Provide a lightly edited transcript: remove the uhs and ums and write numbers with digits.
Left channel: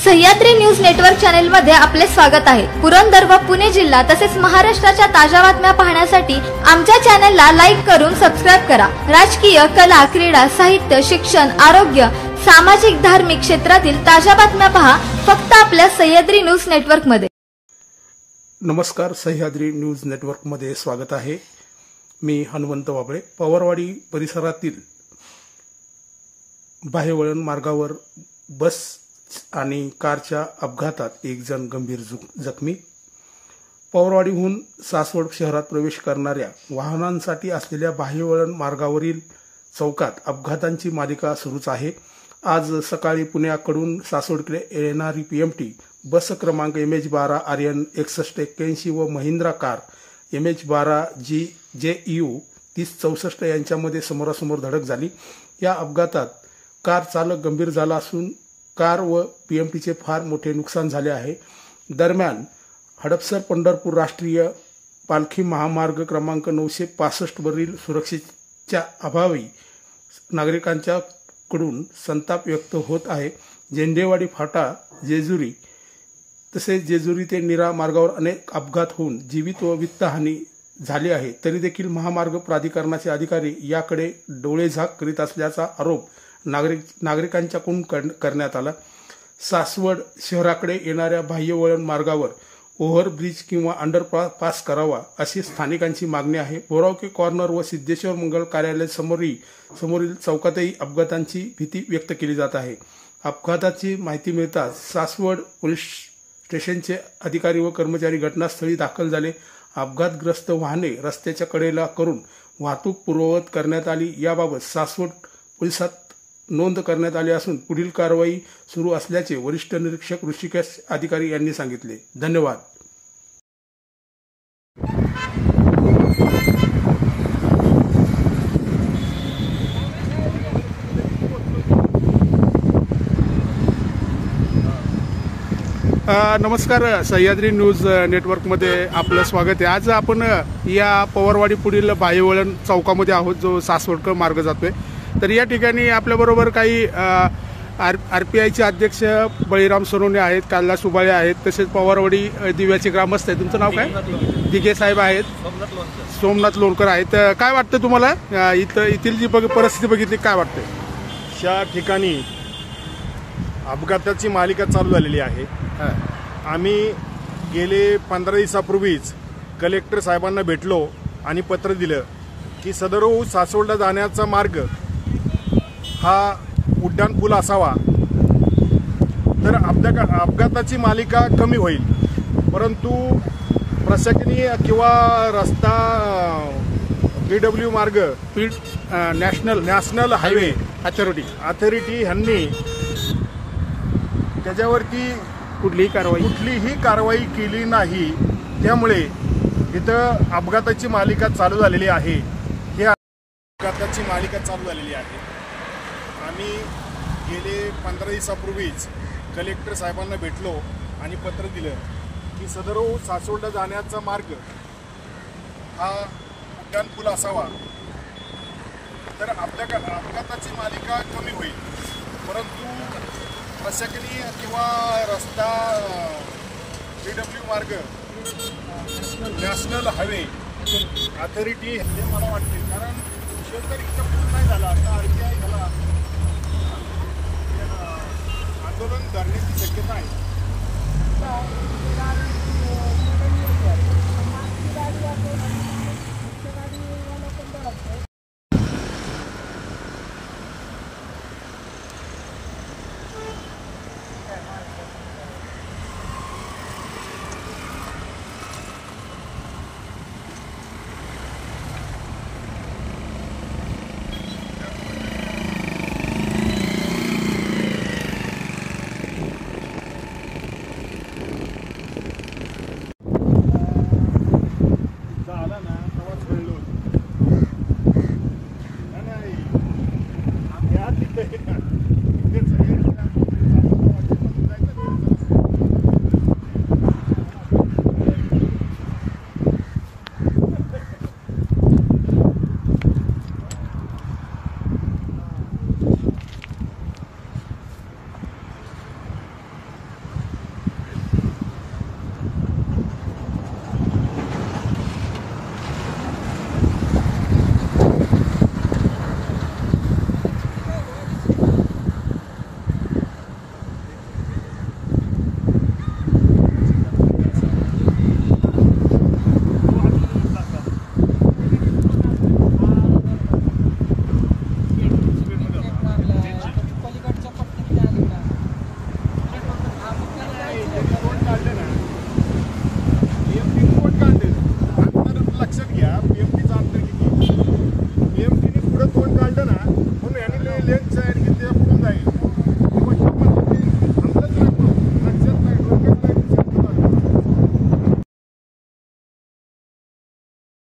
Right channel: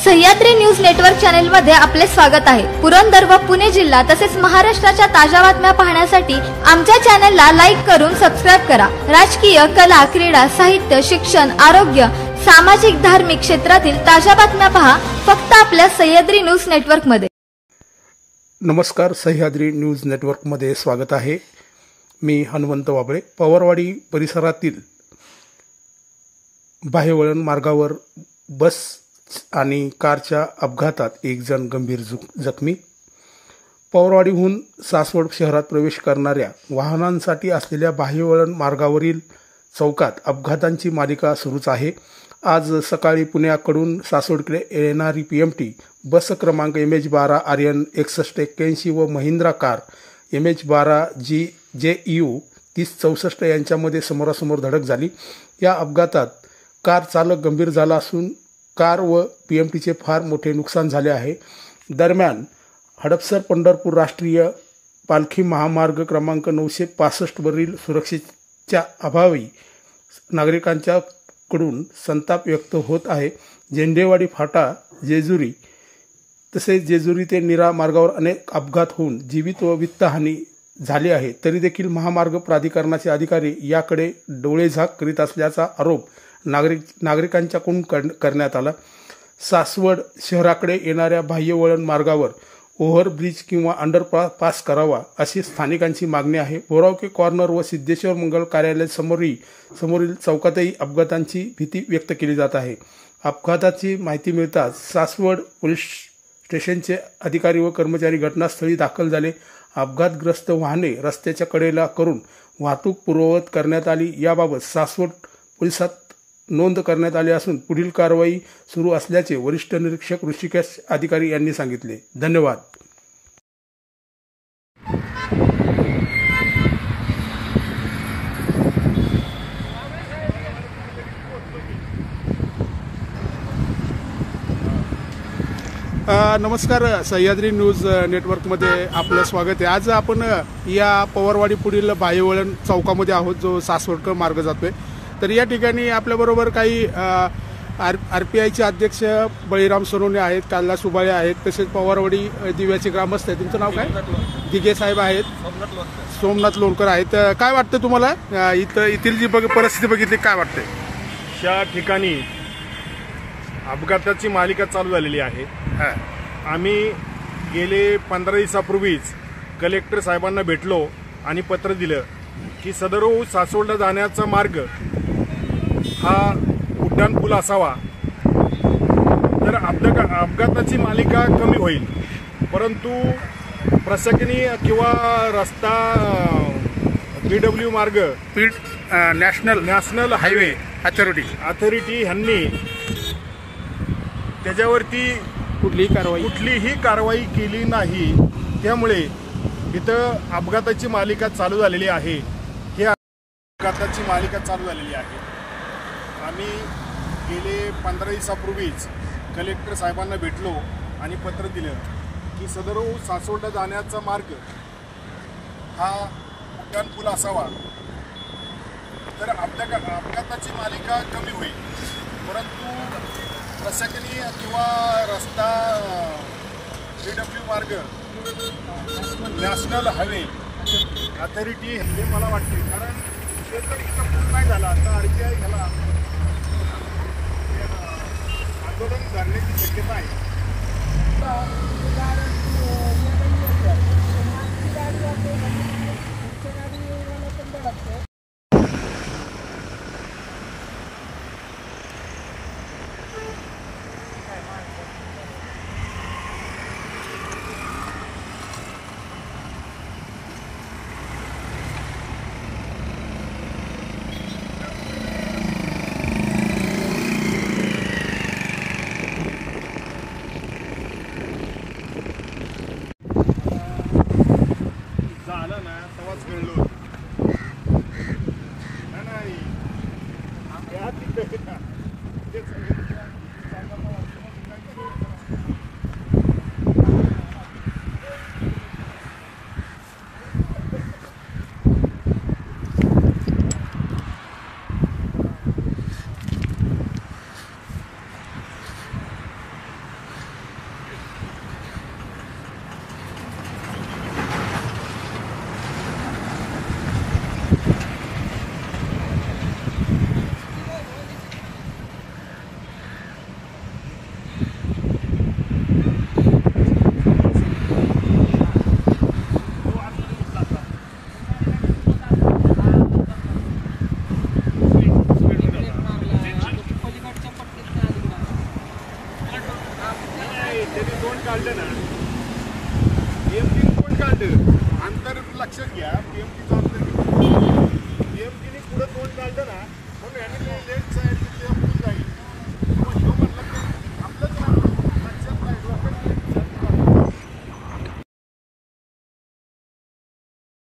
Sahyadri news network channel मध्ये आपले स्वागत आहे। पुरंदर व पुणे जिल्हा तसेच महाराष्ट्राच्या ताज्या बातम्या पाहण्यासाठी आमच्या चॅनलला लाईक करून सबस्क्राइब करा। राजकीय, कला, क्रीडा, साहित्य, शिक्षण, आरोग्य, सामाजिक, धार्मिक क्षेत्रातील ताज्या बातम्या पहा फक्त आपल्या सह्याद्री न्यूज नेटवर्क मध्ये। नमस्कार, सह्याद्री न्यूज नेटवर्क मध्ये स्वागत आहे। मी हनुमंत वाबळे। पवारवाडी परिसरातील बाहेवळण मार्गावर बस आणि कारच्या अपघातात एक जण गंभीर जखमी। पवारवाडीहून सासवड शहरात प्रवेश करणाऱ्या वाहनांसाठी असलेल्या बाहेवळण मार्गावरील चौकात अपघातांची मालिका सुरूच आहे। आज सकाळी पुण्याकडून सासवडकडे येणारी पीएमटी बस क्रमांक MH12 आर्यन 6181 व महिंद्रा कार MH12 JEU 3064 यांच्यामध्ये समोरासमोर धडक झाली। या अपघातात कार चालक गंभीर झाला असून कार व पीएमटीचे फार मोठे नुकसान झाले आहे। दरम्यान हडपसर पंढरपूर राष्ट्रीय पालखी महामार्ग क्रमांक 965 वरील सुरक्षेच्या अभावी नागरिकांच्याकडून संताप व्यक्त होत आहे। झेंडेवाडी फाटा जेजुरी तसेच जेजुरी ते नीरा मार्गावर अनेक अपघात होऊन जीवित व वित्तहानी झाली आहे। तरी देखील महामार्ग प्राधिकरणाचे अधिकारी याकडे डोळेझाक करीत असल्याचा आरोप नागरिकांच्याकडून करण्यात आला। सासवड शहराकडे येणाऱ्या बाह्यवळण मार्गावर ओव्हरब्रिज किंवा अंडरपास करावा अशी स्थानिकांची मागणी आहे। बोरावके कॉर्नर व सिद्धेश्वर मंगल कार्यालय समोरील चौकातही अपघातांची भीती व्यक्त केली जात आहे। अपघाताची माहिती मिळताच सासवड पोलीस स्टेशनचे अधिकारी व कर्मचारी घटनास्थळी दाखल झाले। अपघातग्रस्त वाहने रस्त्याच्या कडेला करून वाहतूक पूर्ववत करण्यात आली। याबाबत सासवड पोलिसात नोंद करण्यात आली असून पुढील कारवाई सुरू असल्याचे वरिष्ठ निरीक्षक ऋषिकेश अधिकारी यांनी सांगितले। धन्यवाद। नमस्कार, सह्याद्री न्यूज नेटवर्क मध्ये आपलं स्वागत आहे। आज आपण या पवारवाडी पुढील बाहेवळण चौकामध्ये आहोत जो सासवडकर मार्ग जातोय। तर या ठिकाणी आपल्याबरोबर काही RPIचे अध्यक्ष बळीराम सोनवणे आहेत, काल्ला सुबाळे आहेत, तसेच पवारवाडी दिव्याचे ग्रामस्थ आहेत। तुमचं नाव काय? दिघे साहेब आहेत, सोमनाथ लोणकर आहेत। काय वाटतं तुम्हाला इथली जी परिस्थिती बघितली काय वाटते? या ठिकाणी अपघाताची मालिका चालू झालेली आहे। आम्ही गेले 15 दिवसापूर्वीच कलेक्टर साहेबांना भेटलो आणि पत्र दिलं की सदर सासवडला जाण्याचा मार्ग हा उड्डाण पूल असावा तर अपघाताची मालिका कमी होईल। परंतु प्रशासकीय किंवा रस्ता BW मार्ग नॅशनल हायवे अथॉरिटी यांनी त्याच्यावरती कुठलीही कारवाई केली नाही। त्यामुळे तिथं अपघाताची मालिका चालू झालेली आहे। आम्ही गेले 15 दिवसापूर्वीच कलेक्टर साहेबांना भेटलो आणि पत्र दिलं की सदर सासवडला जाण्याचा मार्ग हा उड्डाण पूल असावा तर अपघाताची मालिका कमी होईल। परंतु प्रशासकीय किंवा रस्ता BW मार्ग नॅशनल हायवे अथॉरिटी हे मला वाटते, कारण काय झालं आता RPI ह्याला आंदोलन करण्याची शक्यता आहे।